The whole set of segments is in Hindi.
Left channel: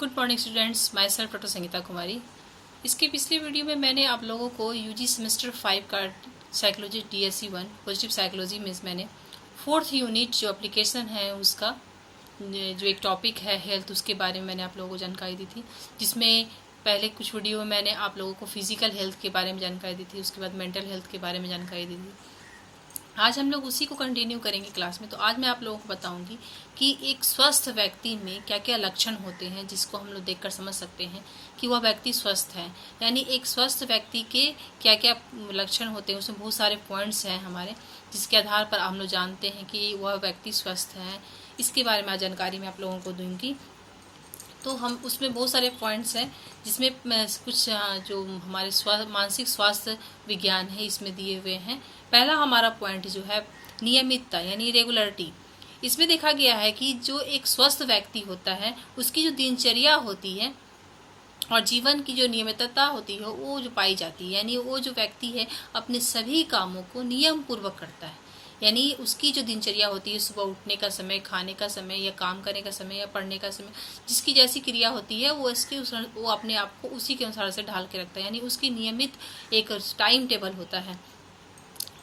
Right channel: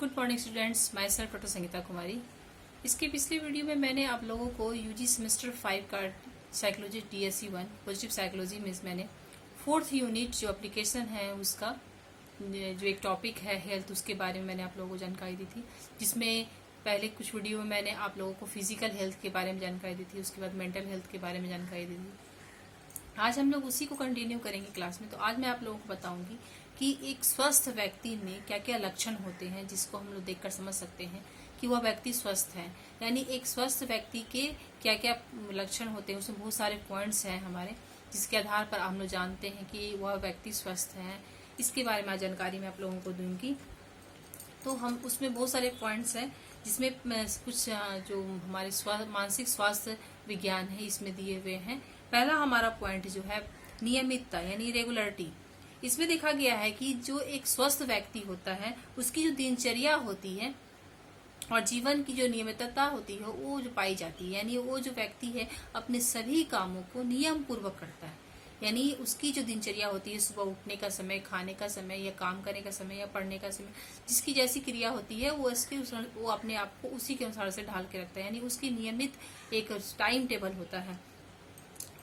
Good morning students, my self doctor Sangeeta Kumari. इसके पिछले वीडियो में मैंने आप लोगों को यूजी सेमेस्टर 5 का साइकोलॉजी DSE 1 पॉजिटिव साइकोलॉजी में मैंने 4th यूनिट जो एप्लीकेशन है उसका जो एक टॉपिक है हेल्थ, उसके बारे में मैंने आप लोगों को जानकारी दी थी। जिसमें पहले कुछ वीडियो में मैंने आप लोगों को फिजिकल हेल्थ के बारे में जानकारी दी थी, उसके बाद मेंटल हेल्थ के बारे में जानकारी दी थी। आज हम लोग उसी को कंटिन्यू करेंगे क्लास में। तो आज मैं आप लोगों को बताऊंगी कि एक स्वस्थ व्यक्ति में क्या क्या लक्षण होते हैं जिसको हम लोग देखकर समझ सकते हैं कि वह व्यक्ति स्वस्थ है। यानी एक स्वस्थ व्यक्ति के क्या क्या लक्षण होते हैं, उसमें बहुत सारे पॉइंट्स हैं हमारे, जिसके आधार पर हम लोग जानते हैं कि वह व्यक्ति स्वस्थ है। इसके बारे में आज जानकारी मैं आप लोगों को दूंगी। तो हम उसमें बहुत सारे पॉइंट्स हैं जिसमें कुछ जो हमारे मानसिक स्वास्थ्य विज्ञान है इसमें दिए हुए हैं। पहला हमारा पॉइंट जो है नियमितता यानी रेगुलरिटी। इसमें देखा गया है कि जो एक स्वस्थ व्यक्ति होता है उसकी जो दिनचर्या होती है और जीवन की जो नियमितता होती है वो जो पाई जाती है, यानी वो जो व्यक्ति है अपने सभी कामों को नियम पूर्वक करता है। यानी उसकी जो दिनचर्या होती है, सुबह उठने का समय, खाने का समय, या काम करने का समय, या पढ़ने का समय, जिसकी जैसी क्रिया होती है वो अपने आप को उसी के अनुसार से ढाल के रखता है। यानी उसकी नियमित एक टाइम टेबल होता है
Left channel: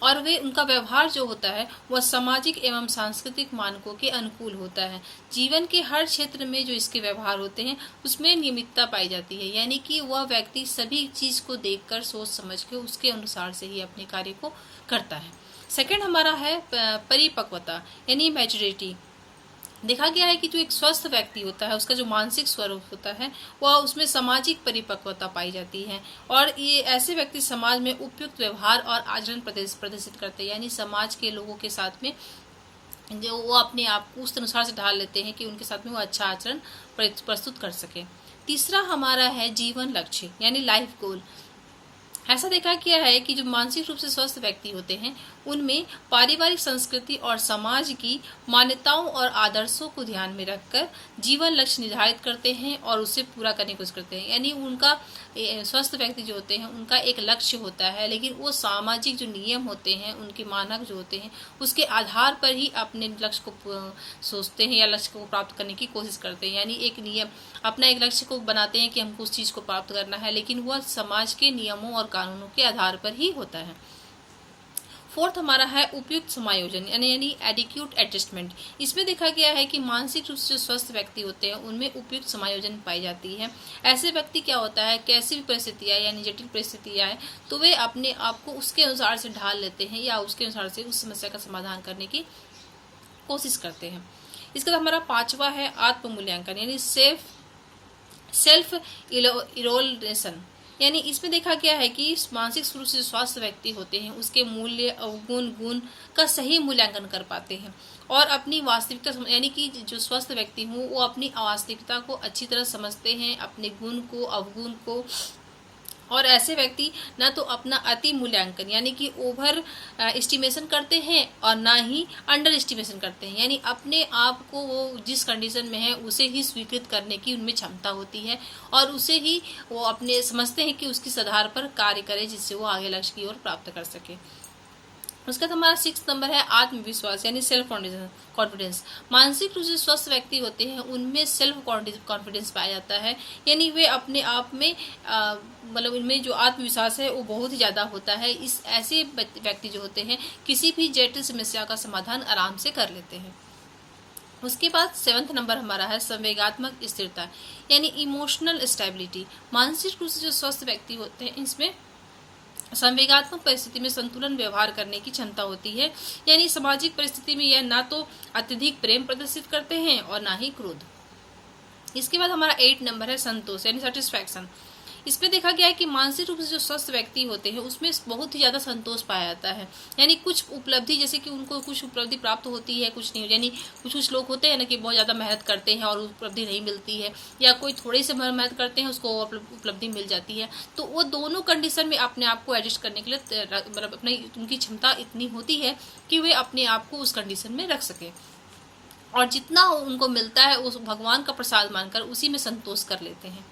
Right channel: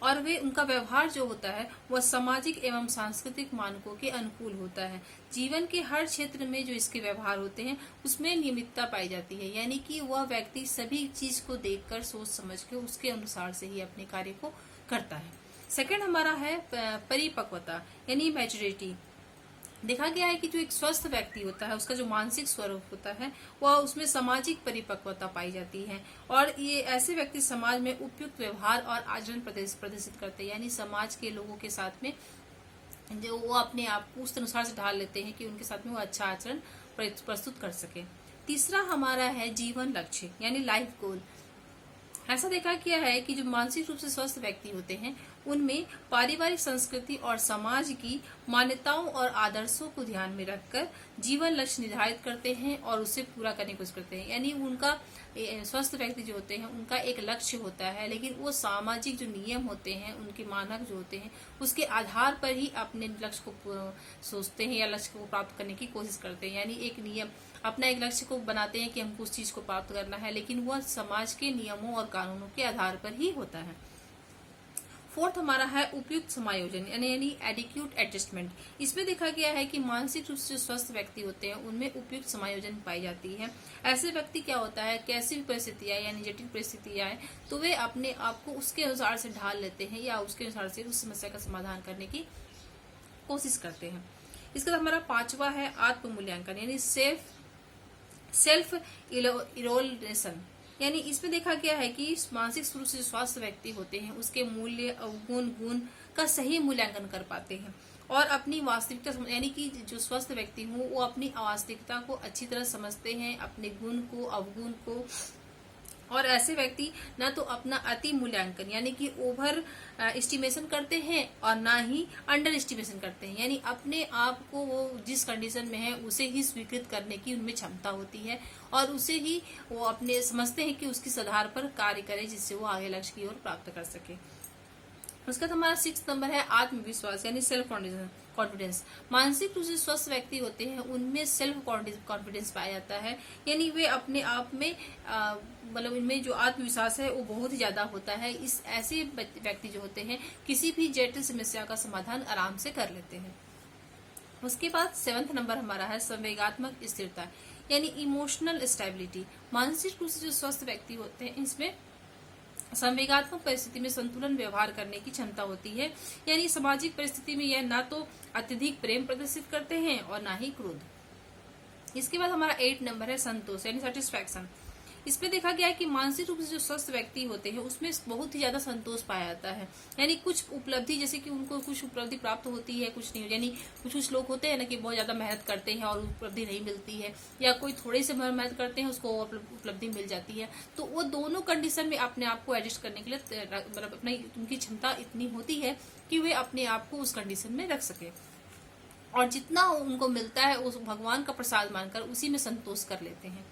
और वे उनका व्यवहार जो होता है वह सामाजिक एवं सांस्कृतिक मानकों के अनुकूल होता है। जीवन के हर क्षेत्र में जो इसके व्यवहार होते हैं उसमें नियमितता पाई जाती है। यानी कि वह व्यक्ति सभी चीज को देखकर सोच समझ के उसके अनुसार से ही अपने कार्य को करता है। सेकंड हमारा है परिपक्वता यानी मैच्योरिटी। देखा गया है कि जो एक स्वस्थ व्यक्ति होता है उसका जो मानसिक स्वरूप होता है वह उसमें सामाजिक परिपक्वता पाई जाती है और ये ऐसे व्यक्ति समाज में उपयुक्त व्यवहार और आचरण प्रदर्शित करते हैं। यानी समाज के लोगों के साथ में जो वो अपने आप को उस अनुसार से ढाल लेते हैं कि उनके साथ में वो अच्छा आचरण प्रस्तुत कर सके। तीसरा हमारा है जीवन लक्ष्य यानी लाइफ गोल। ऐसा देखा गया है कि जो मानसिक रूप से स्वस्थ व्यक्ति होते हैं उनमें पारिवारिक संस्कृति और समाज की मान्यताओं और आदर्शों को ध्यान में रखकर जीवन लक्ष्य निर्धारित करते हैं और उसे पूरा करने की कोशिश करते हैं। यानी उनका स्वस्थ व्यक्ति जो होते हैं उनका एक लक्ष्य होता है, लेकिन वो सामाजिक जो नियम होते हैं, उनके मानक जो होते हैं, उसके आधार पर ही अपने लक्ष्य को सोचते हैं या लक्ष्य को प्राप्त करने की कोशिश करते हैं। यानी एक नियम अपना एक लक्ष्य को बनाते हैं कि हमको उस चीज को प्राप्त करना है, लेकिन वह समाज के नियमों और कानूनों के आधार पर ही होता है। फोर्थ हमारा है उपयुक्त समायोजन यानी एडिक्यूट एडजस्टमेंट। इसमें देखा गया है कि मानसिक रूप से स्वस्थ व्यक्ति होते हैं उनमें उपयुक्त समायोजन पाई जाती है। ऐसे व्यक्ति क्या होता है, कैसी भी परिस्थितियां यानी जटिल परिस्थितियां हैं तो वे अपने आप को उसके अनुसार से ढाल लेते हैं या उसके अनुसार से उस समस्या का समाधान करने की कोशिश करते हैं। इसके बाद हमारा पांचवा है आत्म मूल्यांकन यानी सेल्फ इरोलेशन। यानी इसमें देखा गया है कि मानसिक रूप से स्वास्थ्य व्यक्ति होते हैं उसके मूल्य, अवगुण, गुण का सही मूल्यांकन कर पाते हैं और अपनी वास्तविकता यानी कि जो स्वस्थ व्यक्ति हूँ वो अपनी वास्तविकता को अच्छी तरह समझते हैं, अपने गुण को, अवगुण को। और ऐसे व्यक्ति न तो अपना अति मूल्यांकन यानी कि ओवर एस्टिमेशन करते हैं और ना ही अंडर एस्टिमेशन करते हैं। यानी अपने आप को वो जिस कंडीशन में है उसे ही स्वीकृत करने की उनमें क्षमता होती है और उसे ही वो अपने समझते हैं कि उसके आधार पर कार्य करे जिससे वो आगे लक्ष्य की ओर प्राप्त कर सके। उसका तो हमारा 6 नंबर है आत्मविश्वास यानी सेल्फ कॉन्फिडेंस। मानसिक रूप से स्वस्थ व्यक्ति होते हैं उनमें सेल्फ कॉन्फिडेंस पाया जाता है। यानी वे अपने आप में मतलब इनमें जो आत्मविश्वास है वो बहुत ही ज्यादा होता है। इस ऐसे व्यक्ति जो होते हैं किसी भी जटिल समस्या का समाधान आराम से कर लेते हैं। उसके बाद 7th नंबर हमारा है संवेगात्मक स्थिरता यानी इमोशनल स्टेबिलिटी। मानसिक रूप से जो स्वस्थ व्यक्ति होते हैं इसमें संवेगात्मक परिस्थिति में संतुलन व्यवहार करने की क्षमता होती है। यानी सामाजिक परिस्थिति में यह ना तो अत्यधिक प्रेम प्रदर्शित करते हैं और ना ही क्रोध। इसके बाद हमारा 8 नंबर है संतोष यानी सेटिस्फैक्शन। इसमें देखा गया है कि मानसिक रूप से जो स्वस्थ व्यक्ति होते हैं उसमें बहुत ही ज्यादा संतोष पाया जाता है। यानी कुछ उपलब्धि जैसे कि उनको कुछ उपलब्धि प्राप्त होती है, कुछ नहीं। यानी कुछ लोग होते हैं ना कि बहुत ज्यादा मेहनत करते हैं और उपलब्धि नहीं मिलती है, या कोई थोड़ी सी मेहनत करते हैं उसको उपलब्धि मिल जाती है। तो वो दोनों कंडीशन में अपने आप को एडजस्ट करने के लिए मतलब अपनी उनकी क्षमता इतनी होती है कि वे अपने आप को उस कंडीशन में रख सके और जितना उनको मिलता है उस भगवान का प्रसाद मानकर उसी में संतोष कर लेते हैं।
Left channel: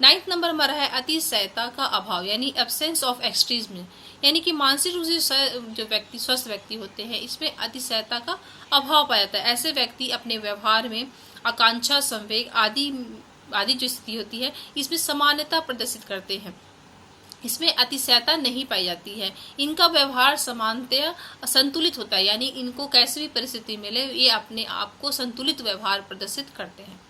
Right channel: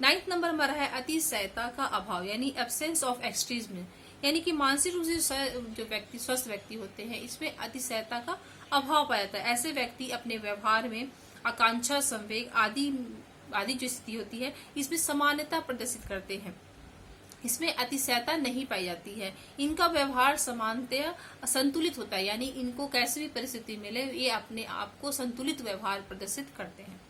9th नंबर हमारा है अतिशयता का अभाव यानी एब्सेंस ऑफ एक्सट्रीज्म। यानी कि मानसिक रूप से जो व्यक्ति स्वस्थ व्यक्ति होते हैं इसमें अतिशयता का अभाव पाया जाता है। ऐसे व्यक्ति अपने व्यवहार में आकांक्षा, संवेग आदि आदि जो स्थिति होती है इसमें समानता प्रदर्शित करते हैं। इसमें अतिशयता नहीं पाई जाती है। इनका व्यवहार समानतया संतुलित होता है, यानी इनको कैसी भी परिस्थिति मिले ये अपने आप को संतुलित व्यवहार प्रदर्शित करते हैं।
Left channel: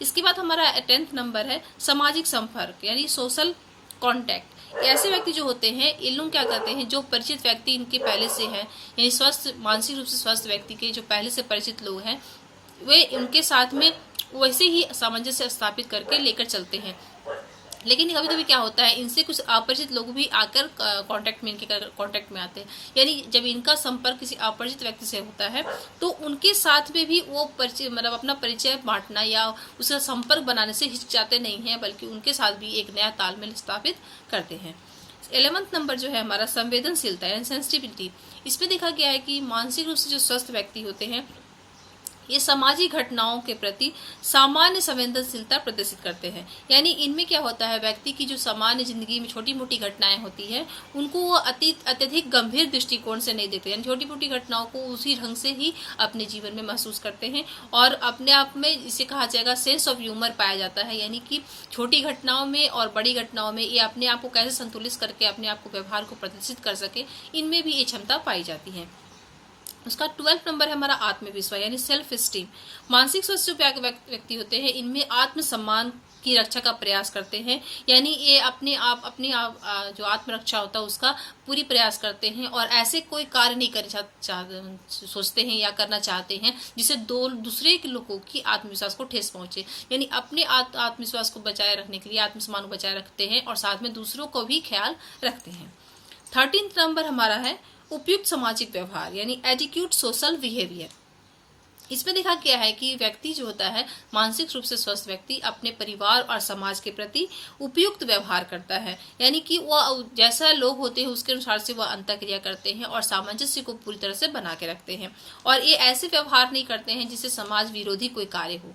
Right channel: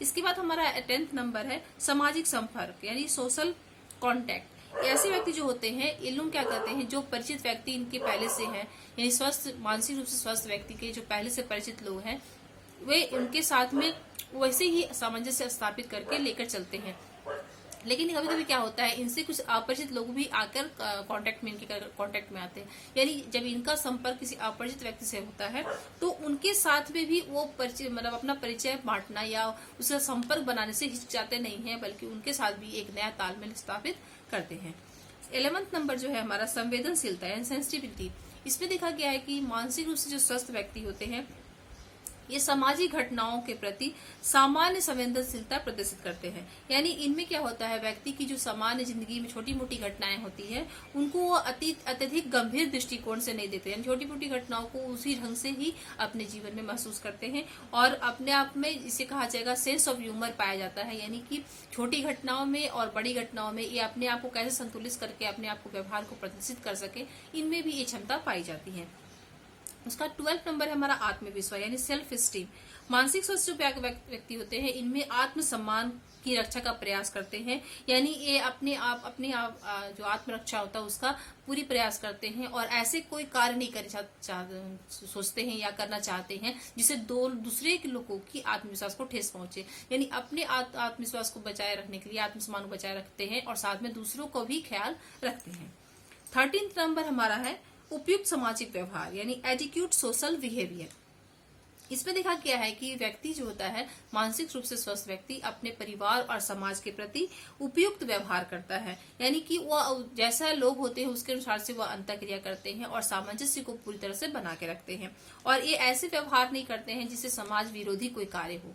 इसके बाद हमारा 10th नंबर है सामाजिक संपर्क यानी सोशल कॉन्टैक्ट। ऐसे व्यक्ति जो होते हैं ये लोग क्या करते हैं, जो परिचित व्यक्ति इनके पहले से हैं, यानी स्वस्थ मानसिक रूप से स्वस्थ व्यक्ति के जो पहले से परिचित लोग हैं वे उनके साथ में वैसे ही सामंजस्य स्थापित करके लेकर चलते हैं। लेकिन कभी कभी क्या होता है, इनसे कुछ अपरिचित लोग भी आकर कांटेक्ट में आते हैं, यानी जब इनका संपर्क किसी अपरिचित व्यक्ति से होता है तो उनके साथ में भी वो परिचय मतलब अपना परिचय बांटना या उसका संपर्क बनाने से हिचकिचाते नहीं हैं, बल्कि उनके साथ भी एक नया तालमेल स्थापित करते हैं। 11th नंबर जो है हमारा संवेदनशीलता यानी सेंसिटिविटी। इसमें देखा गया है कि मानसिक रूप से जो स्वस्थ व्यक्ति होते हैं ये सामाजिक घटनाओं के प्रति सामान्य संवेदनशीलता प्रदर्शित करते हैं, यानी इनमें क्या होता है, व्यक्ति की जो सामान्य जिंदगी में छोटी मोटी घटनाएं होती है उनको वो अत्यधिक गंभीर दृष्टिकोण से नहीं देखते, यानी छोटी मोटी घटनाओं को उसी ढंग से ही अपने जीवन में महसूस करते हैं और अपने आप में इसे कहा जाएगा सेंस ऑफ ह्यूमर पाया जाता है, यानी कि छोटी घटनाओं में और बड़ी घटनाओं में ये अपने आप को कैसे संतुलित करके अपने आप को व्यवहार को प्रदर्शित कर सके, इनमें भी ये क्षमता पाई जाती है। उसका 12th नंबर है हमारा आत्मविश्वास यानी सेल्फ स्टीम। मानसिक स्वस्थ जो व्यक्ति होते हैं इनमें आत्मसम्मान की रक्षा का प्रयास करते हैं, यानी ये अपने आप जो आत्मरक्षा होता है उसका पूरी प्रयास करते हैं और ऐसे कोई कार्य नहीं करना सोचते हैं या करना चाहते हैं जिससे दूसरे के लोगों की आत्मविश्वास को ठेस पहुंचे, यानी अपने आत्मविश्वास को बचाए रखने के लिए आत्मसम्मान को बचाए रखते हैं और साथ में दूसरों को भी ख्याल रखते हैं। 13th नंबर हमारा है उपयुक्त सामाजिक व्यवहार यानी एडिक्यूट सोशल बिहेवियर। इसमें देखा गया है कि व्यक्ति जो होता है मानसिक रूप से स्वस्थ व्यक्ति अपने परिवार और समाज के प्रति उपयुक्त व्यवहार करता है, यानी कि वह जैसा लोग होते हैं उसके अनुसार से वह अंतःक्रिया करते हैं और सामंजस्य को पूरी तरह से बना के रखते हैं और ये ऐसे व्यवहार नहीं करते हैं जिससे समाज विरोधी कोई कार्य हो।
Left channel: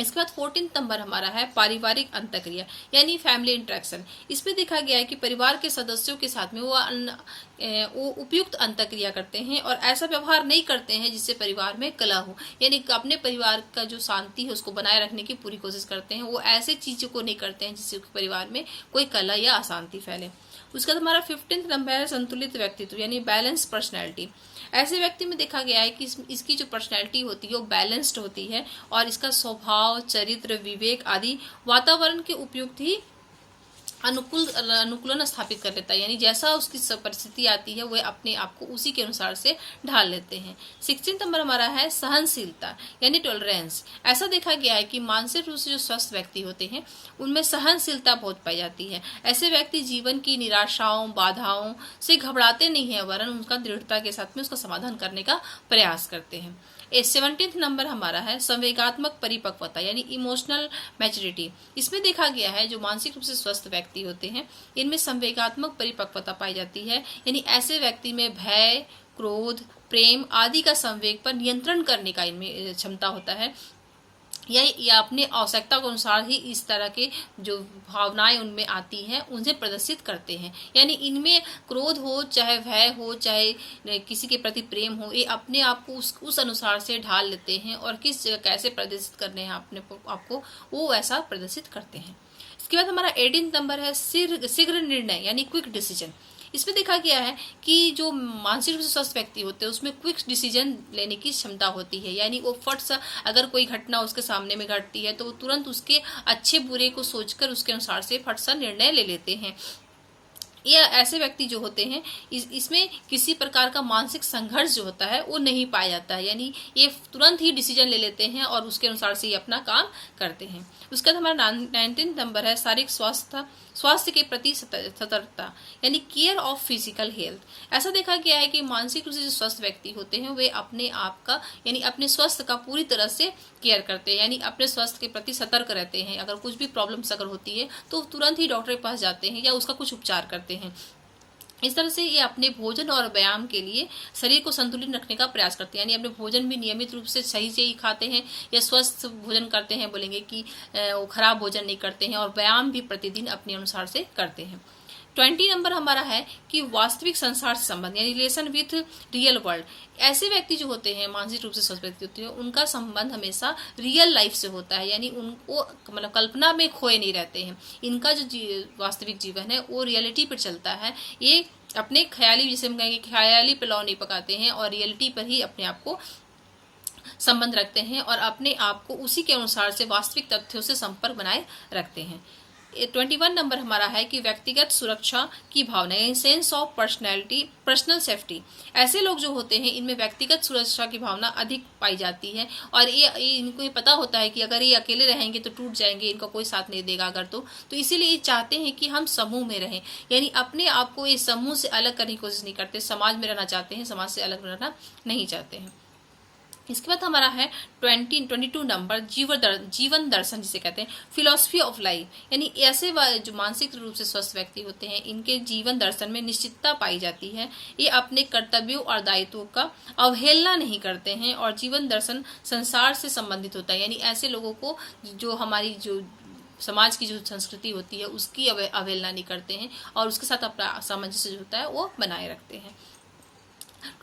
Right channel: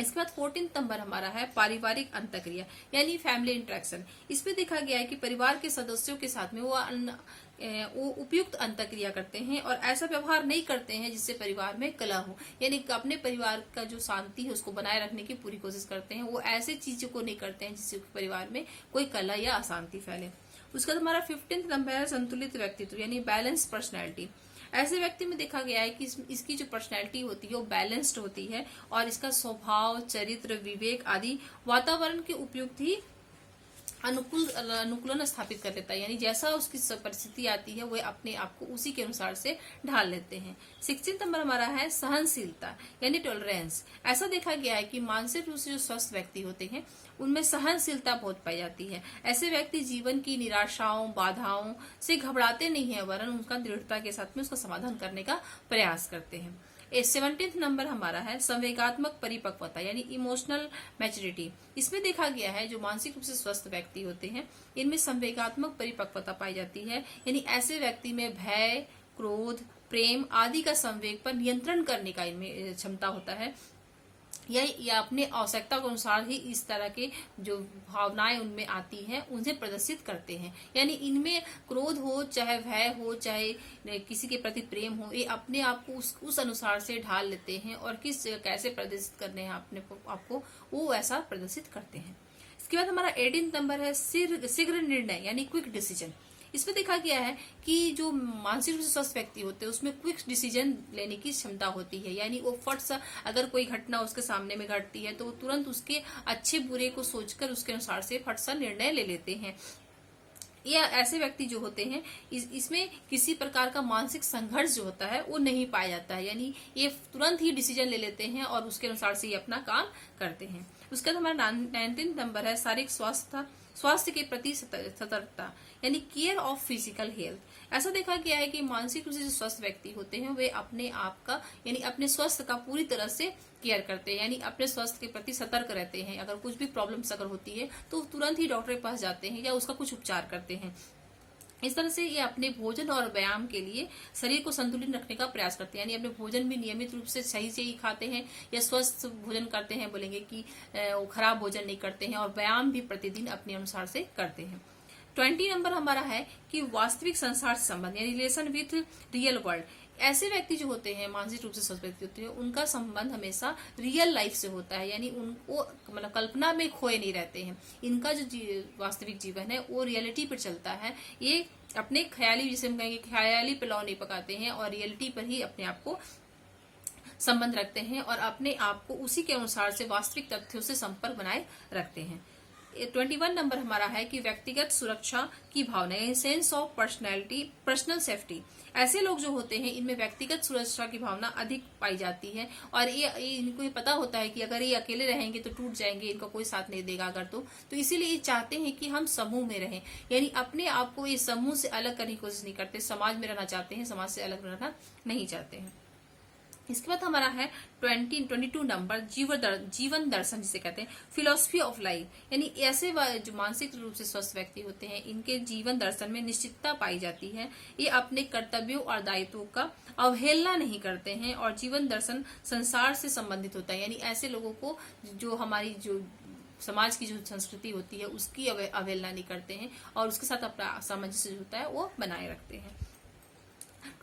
इसके बाद 14th नंबर हमारा है पारिवारिक अंतःक्रिया यानी फैमिली इंटरेक्शन। इसमें देखा गया है कि परिवार के सदस्यों के साथ में वो उपयुक्त अंतःक्रिया करते हैं और ऐसा व्यवहार नहीं करते हैं जिससे परिवार में कलह हो, यानी अपने परिवार का जो शांति है उसको बनाए रखने की पूरी कोशिश करते हैं। वो ऐसे चीजों को नहीं करते हैं जिससे परिवार में कोई कलह या अशांति फैले। उसका हमारा 15th नंबर है संतुलित व्यक्तित्व यानी बैलेंस पर्सनैलिटी। ऐसे व्यक्ति में देखा गया है कि इसकी जो पर्सनैलिटी होती है वो बैलेंस्ड होती है और इसका स्वभाव, चरित्र, विवेक आदि वातावरण के उपयुक्त ही अनुकूलन स्थापित कर लेता है, यानी जैसा उसकी परिस्थिति आती है वह अपने आप को उसी के अनुसार से ढाल लेते हैं। 16th नंबर हमारा है सहनशीलता यानी टॉलरेंस। ऐसा देखा गया है कि मानसिक रूप से जो स्वस्थ व्यक्ति होते हैं उनमें सहनशीलता बहुत पाई जाती है। ऐसे व्यक्ति जीवन की निराशाओं, बाधाओं से घबराते नहीं है, वरन उनका दृढ़ता के साथ में उसका समाधान करने का प्रयास करते हैं। 17th नंबर हमारा है संवेगात्मक परिपक्वता यानी इमोशनल मैच्योरिटी। इसमें देखा गया है जो मानसिक रूप से स्वस्थ व्यक्ति होते हैं इनमें संवेगात्मक परिपक्वता पाई जाती है, यानी ऐसे व्यक्ति में भय, क्रोध, प्रेम आदि का संवेग पर नियंत्रण करने का इनमें क्षमता होता है या अपने आवश्यकता के अनुसार ही इस तरह के जो भावनाएं उनमें आती हैं उन्हें प्रदर्शित करते हैं, यानी इनमें क्रोध हो, चाहे भय हो, चाहे किसी के प्रति प्रेम हो, ये अपने आप को उस अनुसार से ढाल लेते हैं और किस जगह कैसे प्रदर्शित करने हैं अपने आपको वो ऐसा प्रदर्शित करते हैं। इसके बाद हमारा 18th नंबर है शीघ्र निर्णय यानी क्विक डिसीजन। इसमें देखा गया है कि जो मानसिक रूप से स्वस्थ व्यक्ति होते हैं उसमें क्विक डिसीजन लेने की क्षमता होती है, यानी वो फट सा अगर कोई घटना उसके सामने में घटती है तो वो तुरंत उसके अच्छे बुरे को सोचकर उसके अनुसार से फट सा निर्णय ले लेते हैं। या ऐसे व्यक्ति जो होते हैं इसमें किसी प्रकार का मानसिक संघर्ष जो होता है वो नहीं पाया जाता है, यानी ये तुरंत ही डिसीजन ले लेते हैं और उसके अनुसार से ये अपना काम करते हैं। उसके बाद हमारा 19th नंबर है शारीरिक स्वास्थ्य के प्रति सतर्कता यानी केयर ऑफ फिजिकल हेल्थ। ऐसा देखा गया है कि मानसिक रूप से जो स्वस्थ व्यक्ति होते हैं वे अपने आप का यानी अपने स्वास्थ्य का पूरी तरह से केयर करते हैं, यानी अपने स्वास्थ्य के प्रति सतर्क रहते हैं। अगर कुछ भी प्रॉब्लम्स अगर होती है तो तुरंत ही डॉक्टर के पास जाते हैं या उसका कुछ उपचार करते हैं। इस तरह से ये अपने भोजन और व्यायाम के लिए शरीर को संतुलित रखने का प्रयास करते हैं, यानी अपने भोजन भी नियमित रूप से सही से ही खाते हैं या स्वस्थ भोजन करते हैं, बोलेंगे कि वो खराब भोजन नहीं करते हैं और व्यायाम भी प्रतिदिन अपने अनुसार से करते हैं। 20 नंबर हमारा है कि वास्तविक संसार से संबंध, यानी रिलेशन विथ रियल वर्ल्ड। ऐसे व्यक्ति जो होते हैं, मानसिक रूप से स्वस्थ व्यक्ति होते हैं, उनका संबंध हमेशा रियल लाइफ से होता है, यानी उनको मतलब कल्पना में खोए नहीं रहते हैं। इनका जो वास्तविक जीवन है वो रियलिटी पर चलता है। ये अपने ख्याली, जिसे हम कहेंगे ख्याली पुलाव नहीं पकाते हैं और रियलिटी पर ही अपने आप को संबंध रखते हैं और अपने आप को उसी के अनुसार से वास्तविक तथ्यों से संपर्क बनाए रखते हैं। 21 नंबर हमारा है कि व्यक्तिगत सुरक्षा की भावना, यानी sense of personality, personal safety. ऐसे लोग जो होते हैं इनमें व्यक्तिगत सुरक्षा की भावना अधिक पाई जाती है और ये इनको ये पता होता है कि अगर ये अकेले रहेंगे तो टूट जाएंगे, इनका कोई साथ नहीं देगा अगर तो इसीलिए ये चाहते हैं कि हम समूह में रहें, यानी अपने आप को ये समूह से अलग करने की कोशिश नहीं करते, समाज में रहना चाहते हैं, समाज से अलग रहना नहीं चाहते हैं। इसके बाद हमारा है 22 नंबर जीवन दर्शन, जिसे कहते हैं फिलॉसफी ऑफ लाइफ, यानी ऐसे जो मानसिक रूप से स्वस्थ व्यक्ति होते हैं इनके जीवन दर्शन में निश्चितता पाई जाती है। ये अपने कर्तव्यों और दायित्वों का अवहेलना नहीं करते हैं और जीवन दर्शन संसार से संबंधित होता है, यानी ऐसे लोगों को जो हमारी जो समाज की जो संस्कृति होती है उसकी अवहेलना नहीं करते हैं और उसके साथ अपना सामंजस्य जो होता है वो बनाए रखते हैं।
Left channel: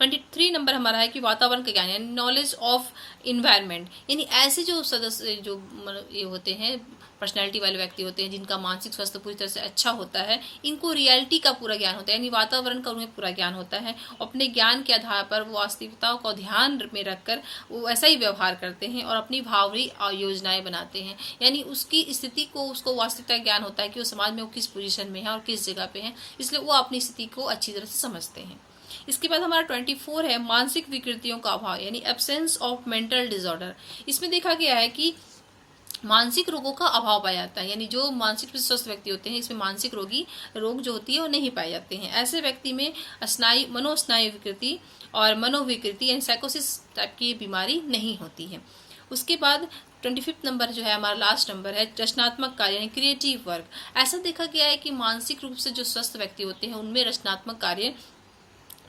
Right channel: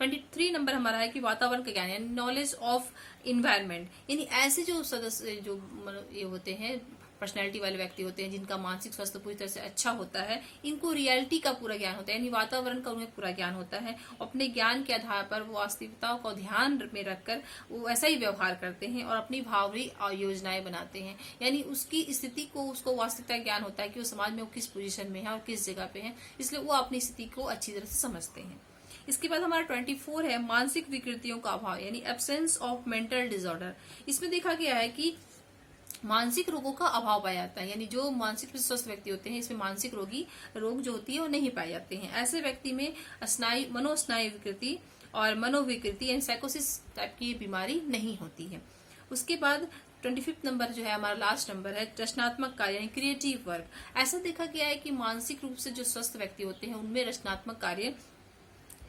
23 नंबर हमारा है कि वातावरण का ज्ञान, यानी नॉलेज ऑफ इन्वायरमेंट, यानी ऐसे जो सदस्य जो ये होते हैं पर्सनैलिटी वाले व्यक्ति होते हैं जिनका मानसिक स्वास्थ्य पूरी तरह से अच्छा होता है, इनको रियलिटी का पूरा ज्ञान होता है, यानी वातावरण का उन्हें पूरा ज्ञान होता है। अपने ज्ञान के आधार पर वो वास्तविकताओं को ध्यान में रखकर वो ऐसा ही व्यवहार करते हैं और अपनी भावनात्मक योजनाएं बनाते हैं, यानी उसकी स्थिति को, उसको वास्तविकता ज्ञान होता है कि वो समाज में वो किस पोजीशन में है और किस जगह पे है, इसलिए वो अपनी स्थिति को अच्छी तरह से समझते हैं। इसके बाद हमारा 24 है मानसिक विकृतियों का अभाव, यानी एब्सेंस ऑफ मेंटल डिसऑर्डर। इसमें देखा गया है कि मानसिक रोगों का अभाव पाया जाता है, यानी जो मानसिक रूप से स्वस्थ व्यक्ति होते हैं इसमें मानसिक रोग जो होती है वो नहीं पाए जाते हैं। ऐसे व्यक्ति में मनोस्नायु विकृति और मनोविकृति यानी साइकोसिस टाइप की बीमारी नहीं होती है। उसके बाद 25 नंबर जो है हमारा लास्ट नंबर है रचनात्मक कार्य, यानी क्रिएटिव वर्क। ऐसा देखा गया है कि मानसिक रूप से जो स्वस्थ व्यक्ति होते हैं उनमें रचनात्मक कार्य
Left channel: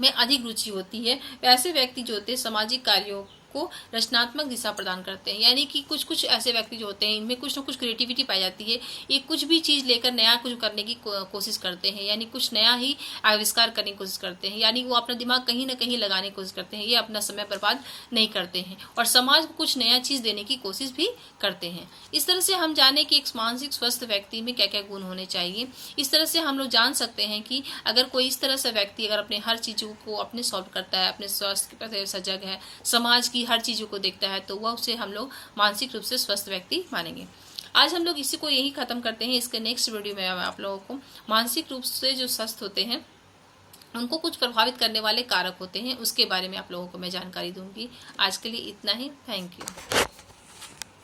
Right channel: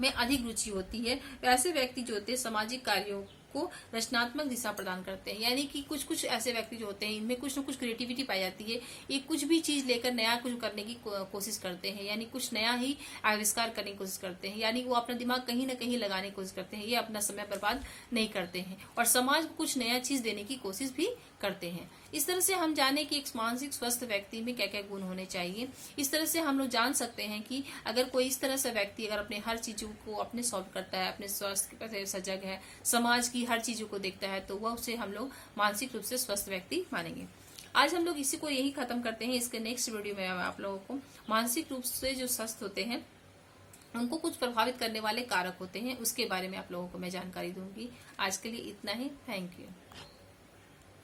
में अधिक रुचि होती है। वैसे व्यक्ति जो होते हैं सामाजिक कार्यों को रचनात्मक दिशा प्रदान करते हैं, यानी कि कुछ ऐसे व्यक्ति जो होते हैं इनमें कुछ न कुछ क्रिएटिविटी पाई जाती है। ये कुछ भी चीज लेकर नया कुछ करने की कोशिश करते हैं, यानी कुछ नया ही आविष्कार करने की कोशिश करते हैं, यानी वो अपना दिमाग कहीं ना कहीं लगाने की कोशिश करते हैं। ये अपना समय बर्बाद नहीं करते हैं और समाज को कुछ नया चीज देने की कोशिश भी करते हैं। इस तरह से हम जाने कि एक मानसिक स्वस्थ व्यक्ति में क्या क्या गुण होने चाहिए। इस तरह से हम लोग जान सकते हैं कि अगर कोई इस तरह से व्यक्ति अगर अपने हर चीजों को अपने सॉल्व करता है, अपने स्वास्थ्य के प्रति सजग है, समाज की हर चीजों को देखता है, तो वह उसे हम लोग मानसिक रूप से स्वस्थ व्यक्ति मानेंगे। आज हम लोग इसी को यही खत्म करते हैं। इसके नेक्स्ट वीडियो में आप लोगों को मानसिक रूप से जो स्वस्थ होते हैं उनको कुछ प्रभावित करने वाले कारक होते हैं उसके बारे में आप लोगों को मैं जानकारी दूंगी। आज के लिए इतना ही। Thank you.